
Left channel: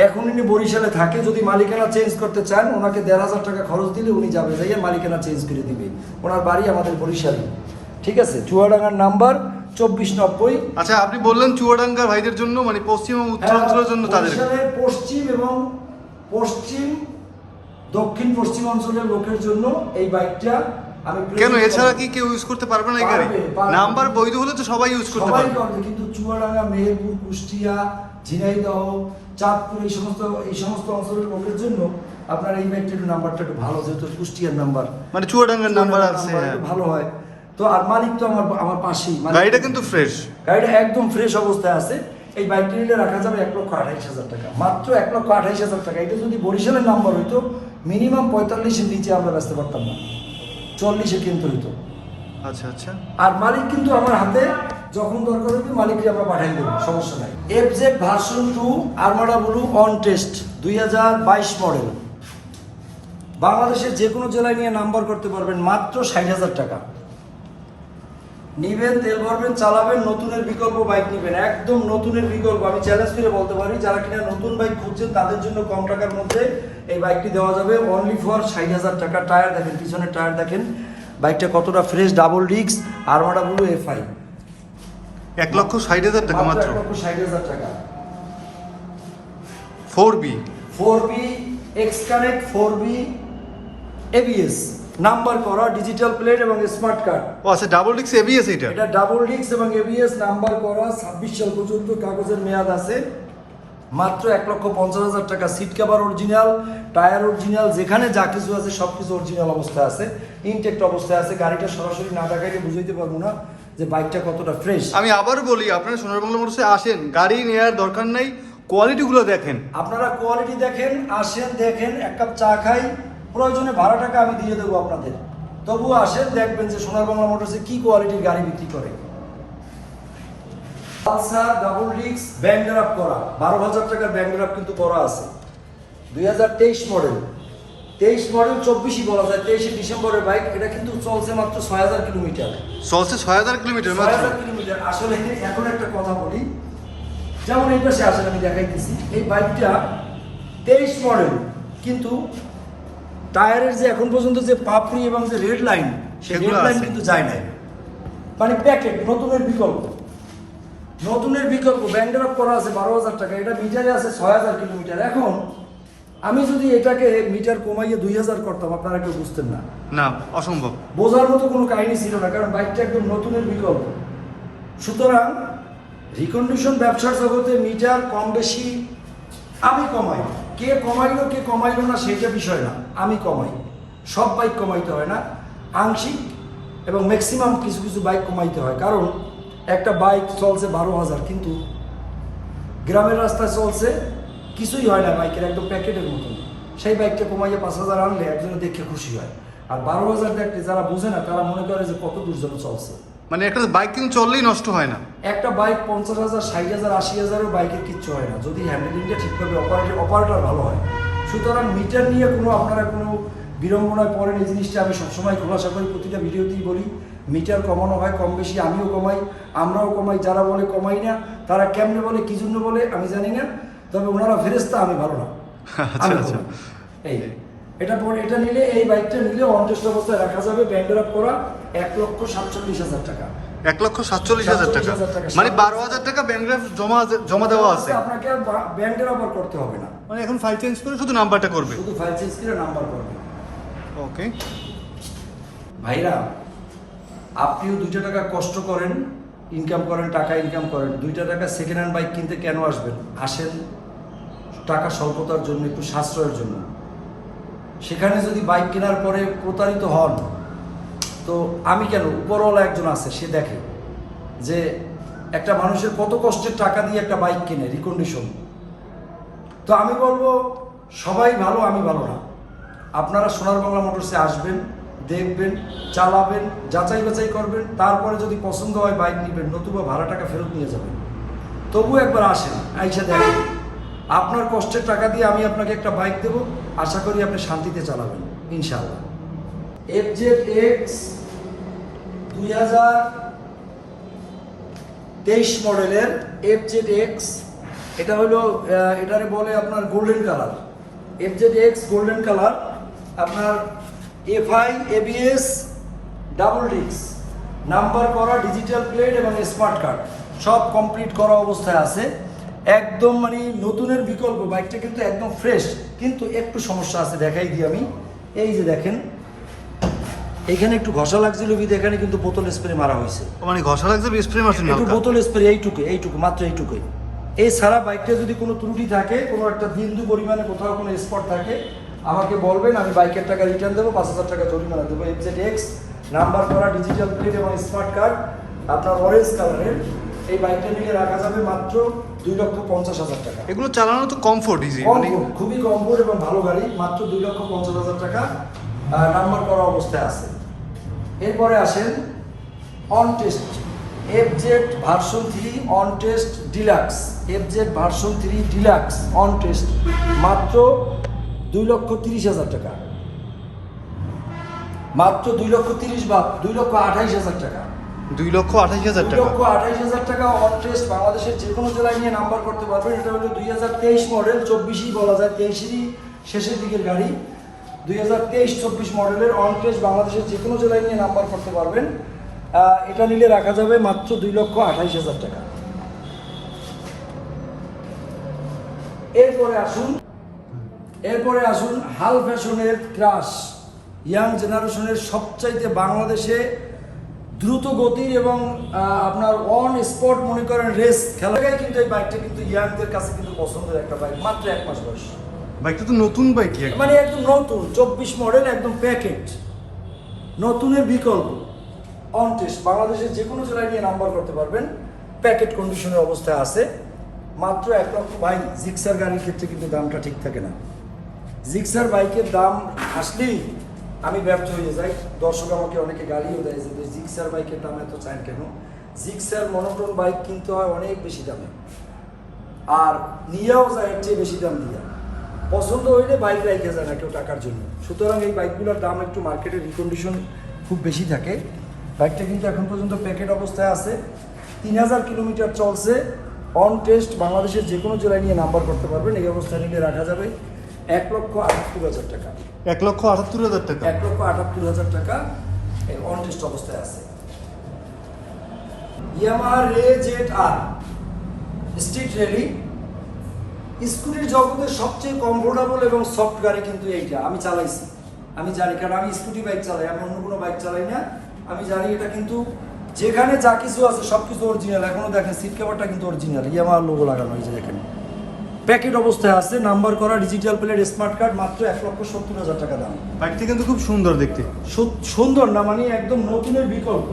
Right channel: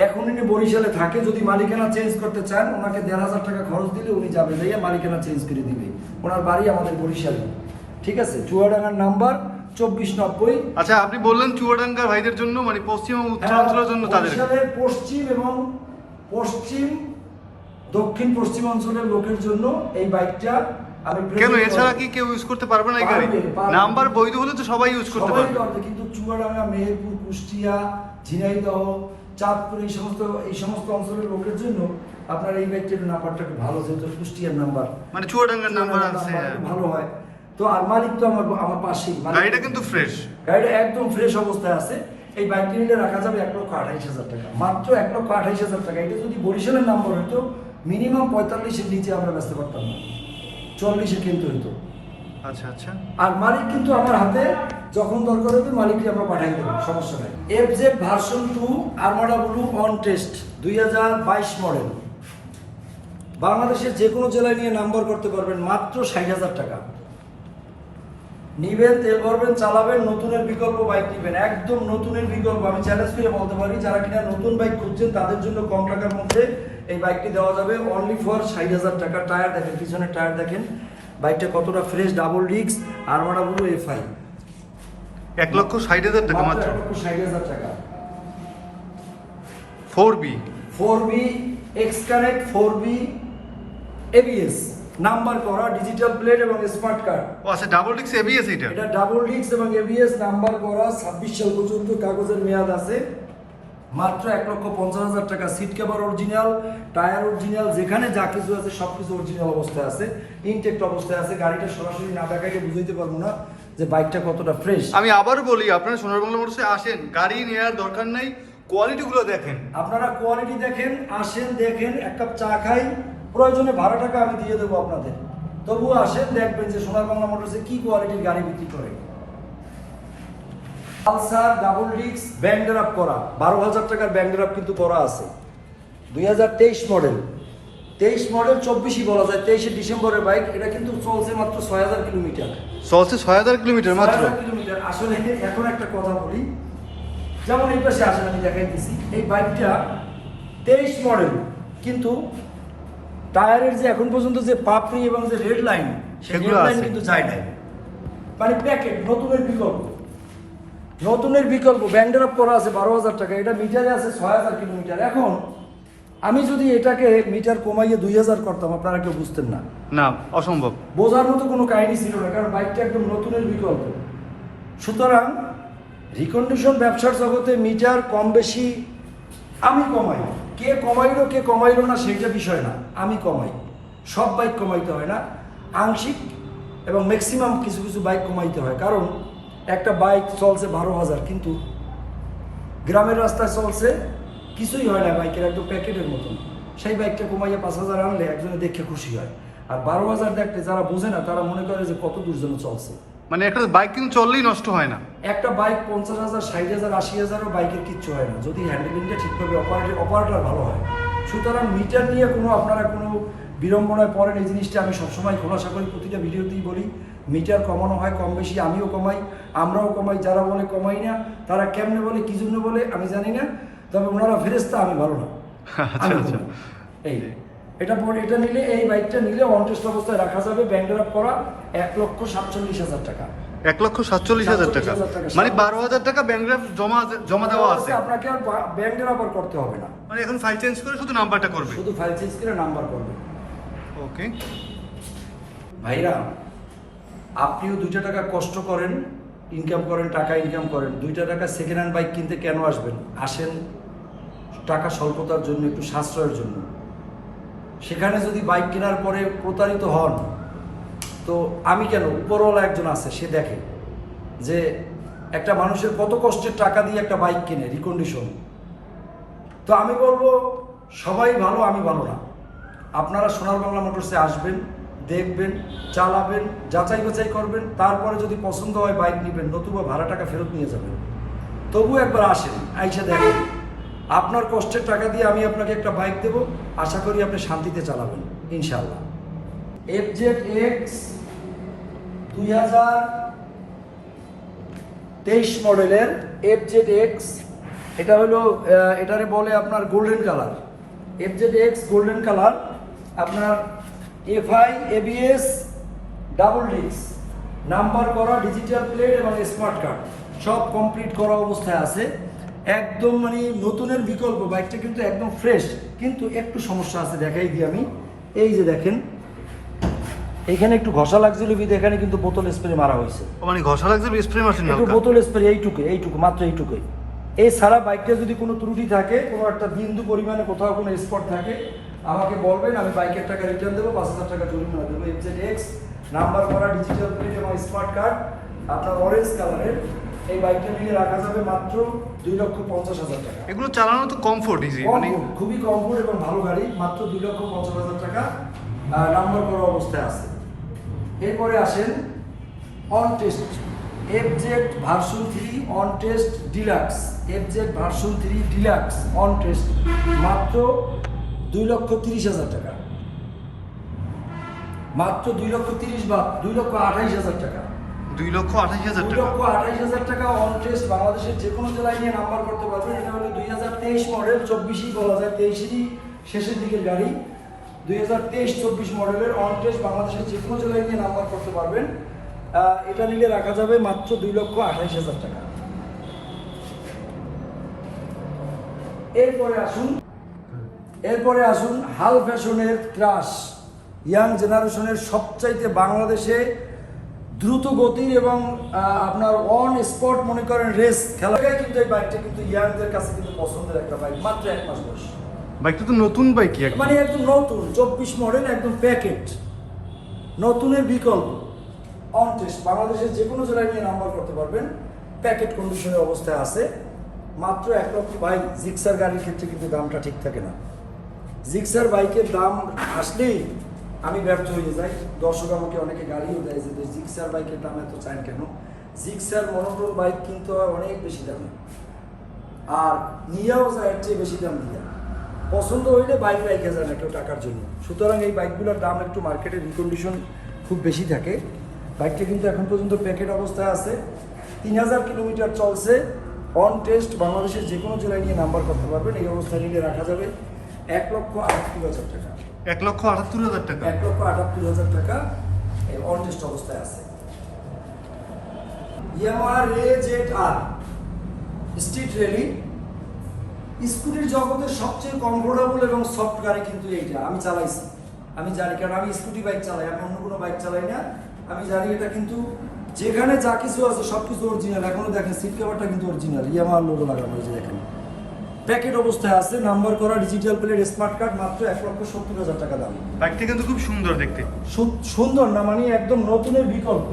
এখন উনি বরিশালে থাকে যদি মালিকানা চেঞ্জ করতে চান ওনাকে দেড় হাজার টাকা খরচ দিলে উনি যাবে যাইয়া মালিকানা চেঞ্জ করে দিবে। ওনার বাড়ি আমাদের বরিশালে। ঠিক আছে? চুয়াডাঙ্গার নাম্বার চব্বিশ নব্বই। আচ্ছা আপনি বললেন চুয়াডাঙ্গার ভাইদের জন্য মানে পশ্চিম এবং উত্তর অঞ্চলের জন্য তাদের। হ্যাঁ, পশ্চিম এবং পশ্চিম দক্ষিণ পশ্চিম অঞ্চলের লোকের জন্য এই বাইকটা কেন? এছাড়া কি কেউ ইউজ করতে পারবে না এই গাড়ি। নাম্বার বৈধ হলে তো সবাই ইউজ করতে পারবে। কিন্তু চুয়াডাঙ্গা মেহেরপুর কুষ্টিয়া ঝিনাইদহ চাঁদপুর এই সমস্ত এই সমস্ত অঞ্চলের লোকের জন্য আপনার এই বাইকটার নাম্বারটা একটু ভালো যেহেতু কুষ্টিয়ার নাম্বার মানে চুয়াডাঙ্গার নাম্বার আছে হ্যাঁ। ভালো হয়। তো আর মালিক তো আমার আমার পাশেই গাড়িটা কিন্তু ফ্রেশ গাড়িটা একদম ফ্রেশ অবস্থায় আছে। এই বাইকটি নিলে রাখা যাবে এক লক্ষ আঠাইশ হাজার টাকা। মাত্র এক লক্ষ আঠাইশ হাজার টাকা। এটা যদি বরিশালের নাম্বার হতো মিনিমাম পঁয়তাল্লিশের নিচে আমরা ব্যস্ত পারতাম না। চল্লিশে কিনতে হতো আচ্ছা আচ্ছা। আর মালিক কিন্তু আমার হাতে যখন দরকার হবে মালিককে আমরা পাঠিয়ে দেবো সমস্যা নাই। F Z version two blue on test দুই হাজার বাইশ মডেল বাংলাদেশের যে কোনো জেলায় নিয়ে নাম্বার করতে পারবেন মাত্র ষাট হাজার টাকা। নিবেন তেল ভরবেন চালাবেন নতুনের বিকল্প বাইক নিবেন। একদম নতুনের বিকল্প আমি চ্যালেঞ্জ করে বলতে পারি যারা কিনা নতুন বাইক খুঁজছেন তাদের জন্য কম টাকার মধ্যে এই বাইকটি দেওয়া যাবে অনলি ফর ষাট হাজার টাকা টায়ার দেখেন পিছনের টায়ার দেখেন। বাইকটা কতটা ফ্রেশ ডাবল রিক্স আর আরমাডা ব্লু এফআই এক লক্ষ ষাট হাজার টাকা মাত্র ষাট হাজার টাকা। Four B four B X connect four B ABS number করা ডিজিটাল প্লেট এবং স্মার্ট কার্ড ও আচ্ছা ডাবল ডিক্স এবিএস এটা এটা ডাবল ডিস্ক এবং এবিএস নাম্বার করা ছাব্বিশ সাল পর্যন্ত কাগজের মেয়াদ আছে। মাত্র এক লক্ষ পঞ্চাশ হাজার টাকা। Seat cover original tyre original যেখানে যা কিছু আছে সব কিছু অরিজিনাল অবস্থায় আছে। ইনটেক্ট অবস্থায় আছে। গাড়িটা সরাসরি না দেখাইলে বুঝাইতে পারব না যে বাইকটা কতটা ফ্রেশ আমি আবারও বলি আপনারা সোনার বাংলা মোটরসে আসেন গাড়ি নেওয়ার দরকার নেই কোয়ালিটিগুলো দেখেন। আপনারা কোয়ালিটি দেখেন আসেন দেখেন এক কাপ চা খাই প্রয়োজনে ভাড়া টাকা আমি দিয়ে দেবো আপনাদের। তবুও আসেন দেখবেন যে সোনার বাংলা মোটরসে কি কোয়ালিটির গাড়ি বিক্রি করে। পালসার ডাবল ডিক্স ব্যাংক ড্রাফট করা। বারো হাজার টাকার ব্যাংক ড্রাফট কিন্তু করা আছে। দুই হাজার তেইশ মডেল তেইশ মডেল চব্বিশই বলা যায় তেইশে ডিসেম্বরের বাইক এটা কিন্তু চলছে মাত্র ছয় হাজার কিলোমিটার। চলছে ছয় হাজার কিলোমিটার মাত্র? 6000 কিলোমিটার। আসলে এখন একটা কথা বলি। যেমন এই পাশে আসেন আমি দেখাইতেছি। এই বাইকটা তেইশ মডেল কিন্তু টায়ারের যে এখন পর্যন্ত যে পাপড়ি এবং যে রেড লাইন সেগুলো লাইন। কিন্তু যায় নাই। মানে প্যাকেট নতুনের বিকল্প। নতুনের বিকল্প ব্যান্ডের করা আছে বারো হাজার টাকা এটা মিটারে আছে ছয় হাজার কিলোমিটার। এখন আমি যদি এটাকে মিটার কমাইয়ে দুই হাজার করতাম আপনারা কেউ বুঝতেন না। না অসম্ভব। বোঝার মতো কোনো কাহিনী ছিল না কারণ বাইকটা একদম নতুনের বিকল্প। সুতরাং রিকন্ডিশন ব্যবসার জগতে মিটার কম বেশি আমি কমাই। কে কমাইলো কে কমাইলো না সেইটা বিষয় না। আমি কমাই। সব বাইক কমাইতে হয় না। আংশিক এবং ম্যাক্সিমাম কিছু কিছু বাইক কমাইতে হয়। কারণ একটা বাইক চলছে বারো হাজার কিন্তু গ্রামের রাস্তায় চলছে কিছুই হয় না বাইকের একদম প্যাকেটের মতন। সেই বাইকটা কমাইয়া পাঁচ হাজার আনলে একজনে দেখে খুশি হয়। আর বারো হাজার দেখতে যারা বোঝে না তারা মনে করে যে কত দূর যেন চলছে। মানে একটা বাইক কিন্তু চললেই নষ্ট হয় না। একটা বাইক পঞ্চাশ হাজার ষাট হাজার আশি হাজারও বাইকের কিচ্ছু হয় না। যদি হ্যান্ডেলিংটা ঠিকভাবে অপারেটর অপারেটর ভালো হয়। সুতরাং মিটার নিয়ে কোনো আপনারা কোনো বিড়ম্বনায় পড়েন এই জিনিসটা আমি সবসময় খোলাসা করি প্রতিটা ভিডিওতেই বলি। মিটার কমানো হয় কম বেশি আমিও কমাই আমরাও কমাই যারা বলে কমাই না তারা কেমনে বলে কি জন্য বলে আমি জানি না তবে ওনারা ফেরেস্তা আমি ভালো না। আচ্ছা, আচ্ছা। এই এটা পরে এটা নিলে এই বাইকটা নিলে অনটেস্ট অবস্থায় রাখা যাবে ব্যান্ডের আপ করা এক লক্ষ সাতচল্লিশ হাজার টাকা। এক লক্ষ সাতচল্লিশ হাজার টাকা? মানে বারো হাজার টাকা ব্যাংগ্রাফ জমা জমা দেওয়া আছে? আপনাকে আর ব্যান্ডের আবার করতে হবে না। মানে এখন ফাইল চেঞ্জ করে শুধু নাম্বারটা করবে? শুধু ফাইল চেঞ্জ করে নাম্বার করবে। ওকে। ভাইরা, আপনিও দুইটা টাকা কষ্ট করেন ইনকাম করেন, টাকা ইনকাম করেন। দুইটা টাকা সেকেন্ড হ্যান্ড বাইক কিনতে কেন আসবেন? আসেন টাকা স্বল্পতার জন্য, একটু সাশ্রয়ের জন্য। সেখানে যদি বাইক কেনার পরে প্রতারিত হন, তো আমি কেন? উপরওয়ালা একজন আছে, সে দেখে যে একটা মানুষের কত কষ্টের টাকা দিয়ে একটা বাইক কিনে রিকন্ডিশন তো আমি বলব, সবাই ভালো, আমি ভালো না। আপনারা সোনার বাংলা মোটরসে আসবেন, দেখবেন, চালাবেন, যাচাই বাছাই করবেন, তারপরে যদি পছন্দ হয় বাইক নেবেন, নতুবা ভাড়া টাকা ফেরত নিয়ে যাবেন। তবু একবার আসেন, আইসা দেখেন। আপনার কষ্টের টাকা দিয়ে আমি আপনাকে একটা বাইক দেব, আশা করি আপনি শান্তিতে চালাবেন ইনশাল্লাহ এফ জেড এক্স দুই হাজার তেইশ মডেলের এফ জেড এক্স এটা হলো এটারে বলে আপনার golden colour F Z X golden colour আপনার এফআই এবিএস ডাবল ডিক্স নাম্বার করা ডিজিটাল প্লেট এবং স্মার্ট কার্ড সব কমপ্লিট করা অবস্থায় আছে। একদম মানে নতুনের বিকল্প বাইকটা কিন্তু একদম ফ্রেশ কিন্তু একটু সমস্যা আছে দেখাই দিই আমি। এই যে দেখেন এখানে একটু ঘষা লাগছিল বিধে এখানে কিন্তু বোতল স্প্রে মারা হয়েছে। মানে ঘষা লাগছে স্প্রে মারছেন একটু বোতল স্প্রে এইটুকু এইটুকু মাত্র এইটুকুই। এই সারা বাইকটা যদি কোনো ত্রুটি থাকে কোনো একটা বিন্দু পরিমাণে কোথাও কোনো স্পট থাকে আমাকে বলবেন আমি বাইকের টাকা রিটার্ন দেবো পাঁচ হাজার টাকা জরিমানা দেবো। এফজেড এক্স নাম্বার করা ডিজিটাল প্লেট এবং স্মার্ট কার্ড আপনার অরেঞ্জ কালারের এই বাইকটা নিয়ে রাখা যাবে মাত্র দুই লক্ষ পঞ্চাশ হাজার টাকা। এগুলো চালানো তো কমফোর্ট ইজি মানে খুবই কমফোর্ট এবং ভালো গাড়ি মাত্র দুই লক্ষ পঞ্চাশ হাজার টাকা নাম্বার করা অবস্থায় আছে। এরপরে আসেন on test F Z version three on test deluxe F Z version three deluxe on test মাত্র দুই লক্ষ তিরিশ হাজার টাকা। মাত্র দুই লক্ষ তিরিশ বা দুই লক্ষ আঠাইশ হাজার টাকা। দুই লক্ষ আঠাশ হাজার দুই টাকা লক্ষ আঠাইশ হাজার টাকা অন টেস্ট বাংলাদেশের যে কোনো জেলায় নিয়ে নাম্বার করতে পারবেন। এটা হলো দুই হাজার তেইশ মডেল চব্বিশই বলা যায় তেইশেরই শেষের দিকের গাড়ি। দুই হাজার তেইশ চব্বিশ মডেলের অন টেস্ট বাংলাদেশের যে কোনো জেলায় নিয়ে নাম্বার করতে পারবেন। এটা নিলে রাখা যাবে মাত্র দুই লক্ষ আঠাইশ হাজার টাকা। এরপরে আসুন এরপরে আসুন হাল ফ্যাশনের ক্রাশ। ইয়াং জেনারেশনের সবচাইতে বাংলাদেশে দ্রুত গতির এবং আপনার অন স্পট মনে করেন রেস খেলাটাই কিন্তু এই বাইকটা কিন্তু ইয়াংদের কাছে কিন্তু পছন্দের একটা বাইক মাত্র এক মাস বয়স। বাইকটা তো নতুন বাইক মানে একদম নতুন চব্বিশ মডেল একদম প্যাকেট নতুনের বিকল্প। অন টেস্ট বাংলাদেশের যে কোনো জেলায় নিয়ে নাম্বার করতে পারবেন। প্যাকেট কন্ডিশনের অবস্থায় আছে। মাত্র এক লক্ষ বাইক জিক্সার গাড়ির ক্ষেত্রে কিন্তু দামটা ঠিক থাকে না। জিক্সার বাইকের দাম আসলেই আমি ব্যর্থ হয়ে যাই। দর্শক আমাকে অনেকে গালিও দেয় যে জিক্সার বাইকের দাম এত চান কেন? জিক্সার মনোটন বাইক কিনতে হয় অনেক বেশি দামে। আর নিয়েও যায় এর চেয়ে বেশি দাম দিয়া। পছন্দ হইলে বাইক রাইখে যায় না কেউ টাকার জন্য। সুতরাং এই বাইকগুলোর দাম একটু মার্কেটে রিকন্ডিশন খুব বেশি থাকে। বাইকটা কিন্তু এখন পর্যন্ত প্যাকেট অবস্থায় আছে। তিন হাজার কিলোমিটার চলছে। অন টেস্ট বাংলাদেশের যে কোনো জেলায় নিয়ে নাম্বার করতে পারবেন। এই অবস্থায় নিয়ে রাখা যাবে। এক লক্ষ আটাত্তর হাজার টাকা। এক লক্ষ আটাত্তর হাজার টাকা। এক লক্ষ আটাত্তর হাজার টাকা অন টেস্ট অবস্থায় আছে। Yamaha Ray Z R street rally স্কুটির জগতের সবচেয়ে কমফোর্টেবল এবং সফট গাড়ি কিন্তু এইটা। আমি চালাইছি। আমি জানি কারণ আমি স্কুটি বাইক চালাই আমি অন্য কোনো বাইক চালাই না। আমি জানি এটা কিন্তু যেখানে যা কিছু আছে সব কিছু অরিজিনাল এখনও দেখেন সিট কভারটা কিন্তু অরিজিনাল ইয়ামাহার লোগো লাগানো হয়েছে দেখেন প্যাকেট অবস্থায় আছে নাম্বার করা ডিজিটাল প্লেট স্মার্ট কার্ড মাত্র এক লক্ষ সত্তর হাজার টাকা দাম। বাইকটা কিন্তু খুব সুন্দর দেখতে। সুন্দর না মানে একদম নতুনের বিকল্প।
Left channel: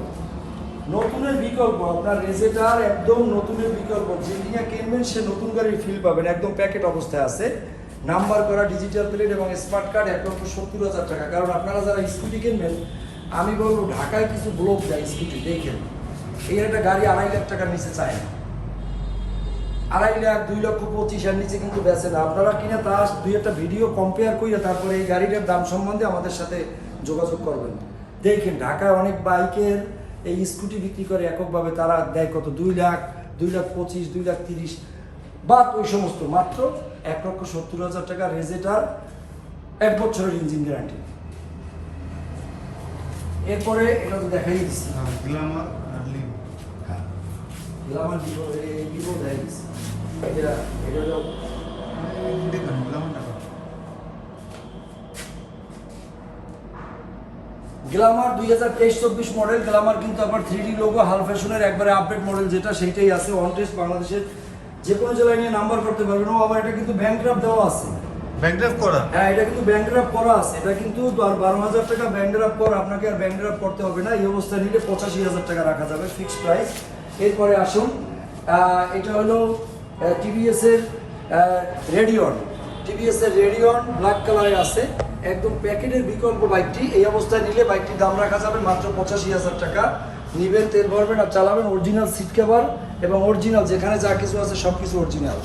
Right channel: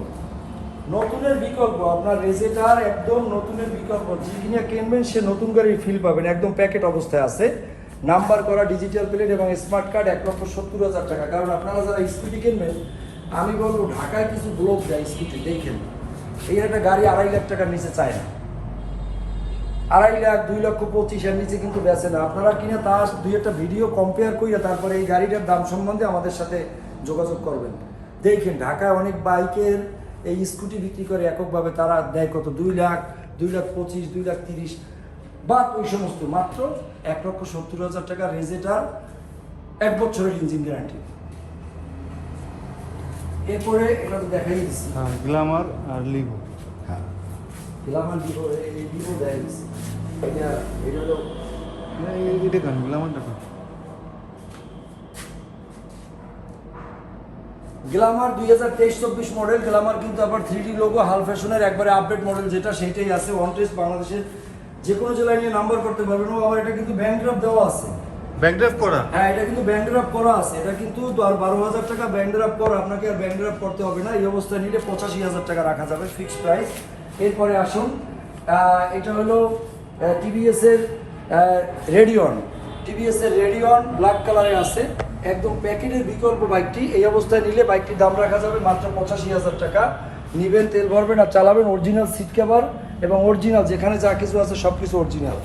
নতুনের বিকল্প আপনার রেজেটার একদম নতুনের বিকল্প। যে নিয়ে কিনবেন সে নতুন গাড়ির ফিল পাবেন। একদম প্যাকেট অবস্থায় আছে। নাম্বার করা ডিজিটাল প্লেট এবং স্মার্ট কার্ড এক লক্ষ সত্তর হাজার টাকা। কারণ আপনারা যারা স্কুটি কিনবেন আমি বলব ঢাকায় কিছু ব্লক দেয় স্কুটি দেখেন। এই একটা গাড়ি আড়াই লাখ টাকার নিচে চায় না। আড়াই লাখ দুই লক্ষ পঁচিশ এর নিচে কিন্তু বেচে না। আপনারা কিনে তার দুই একটা ভিডিও কম্পেয়ার করিয়া তারপরে এই গাড়িটার দাম সম্বন্ধে আমাদের সাথে যোগাযোগ করবেন। দেখেন ঢাকায় অনেক বাইকের এই স্কুটি বিক্রি করে এককভাবে তারা দেয় কত? দুই লাখ দুই লাখ পঁচিশ দুই লাখ তিরিশ। বাদ ওই সমস্ত মাত্র এক লক্ষ সত্তর হাজার টাকা রেজেটার এক বছরের ইঞ্জিন গ্যারান্টি এরপরে এটা তো দেখাই দিচ্ছি। হ্যাঁ গ্ল্যামার আর লিভো হ্যাঁ। গ্লামার লিভো এই দিব দেয় দিচ্ছি। গ্ল্যামারটা কেন গ্লামার দুই হাজার তেইশ চব্বিশ মডেল গ্লামার কিন্তু আবার থ্রি ডি লোগো হাল ফ্যাশনের একবারে আপডেট মডেল যেটা সেটাই আছে ওয়ান টেস্ট বাংলাদেশের যে কোনো জেলায় নিয়ে নাম্বার করতে পারবেন। ও আবার এটা কিন্তু ব্যাংক ড্রাফট দেওয়া আছে। ব্যাক ড্রাইভ করা? হ্যাঁ এটা কিন্তু ব্যাংক ড্রাফট করা আছে। এটা কিন্তু আর বারো হাজার টাকা ব্যাংক ড্রাফট পর আপনাকে আর ব্যাংক ড্রাফট করতে হবে না। এই অবস্থায় নিলে পঁচাশি হাজার টাকা রাখা যাবে ফিক্সড প্রাইস এরপরে আসুন। এটা হলো টিভিএস এর রেডিয়ন। টিভিএস এর রেডিয়ন ব্ল্যাক কালারে আছে। একদম প্যাকেটের বিকল্প বাইকটি। এই অবস্থায় নিলে বাইকটির দাম রাখা যাবে মাত্র পঁচাশি হাজার টাকা। নিবেন তেল ভরবেন আর চালাবেন অরিজিনাল সিট কভার এবং অরিজিনাল যেখানে যা কিছু আছে সব কিছু অরিজিনাল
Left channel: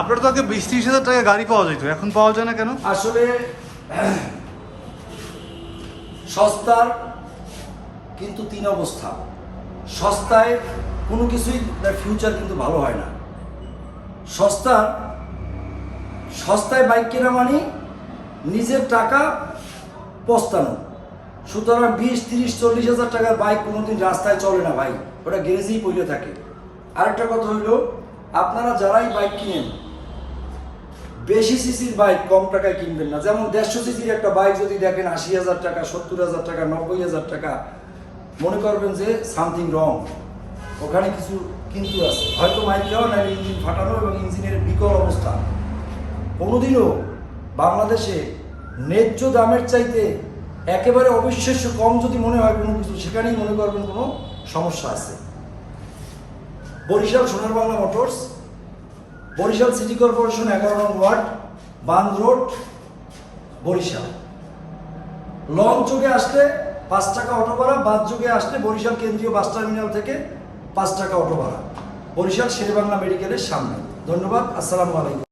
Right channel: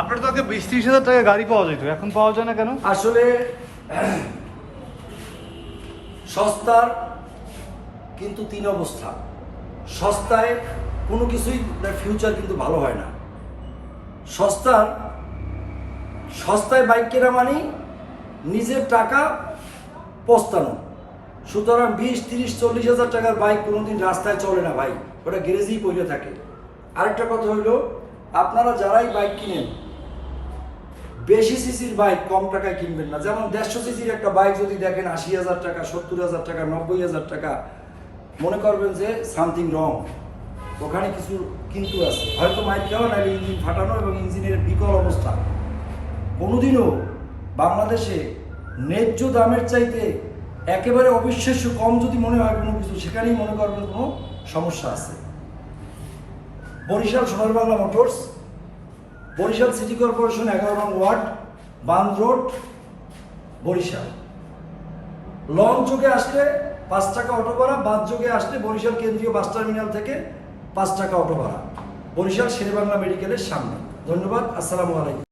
আপনার তো আগে বিশ ত্রিশ হাজার টাকা গাড়ি পাওয়া যেত। এখন পাওয়া যায় না কেন? আসলে সস্তার কিন্তু তিন অবস্থা। সস্তায় কোনো কিছুই তার ফিউচার কিন্তু ভালো হয় না। সস্তার, সস্তায় বাইক কেনা মানে নিজের টাকা পস্তানো। সুতরাং বিশ, তিরিশ, চল্লিশ হাজার টাকার বাইক কোনোদিন রাস্তায় চলে না ভাই, ওটা গ্যারেজেই পড়ে থাকে। আরেকটা কথা হইল, আপনারা যারাই বাইক কিনেন, বেশি সিসির বাইক কম টাকায় কিনবেন না। যেমন দেড়শো সিসির একটা বাইক যদি দেখেন আশি হাজার টাকা, সত্তর হাজার টাকা, নব্বই হাজার টাকা, মনে করবেন যে সামথিং রং ওখানে কিছু কিন্তু আছে। হয়তো মাইল খাওয়া না ইঞ্জিন ফাটানো এবং ইঞ্জিনের বিকল অবস্থা। কোনোদিনও বাংলাদেশে ন্যায্য দামের চাইতে একেবারে অবিশ্বাস্য কম যদি মনে হয় কোনো কিছু, সেখানেই মনে করবেন কোনো সমস্যা আছে। Barishal Sonar Bangla motors, Barishal city corporation এগারো নং ওয়ার্ড বান রোড, বরিশাল। লং যোগে আসলে পাঁচ টাকা অটো ভাড়া বাস যোগে আসলে বরিশাল কেন্দ্রীয় বাস টার্মিনাল থেকে পাঁচ টাকা অটো ভাড়া। বরিশাল শেরেবাংলা মেডিকেলের সামনে। ধন্যবাদ আসসালামু আলাইকুম।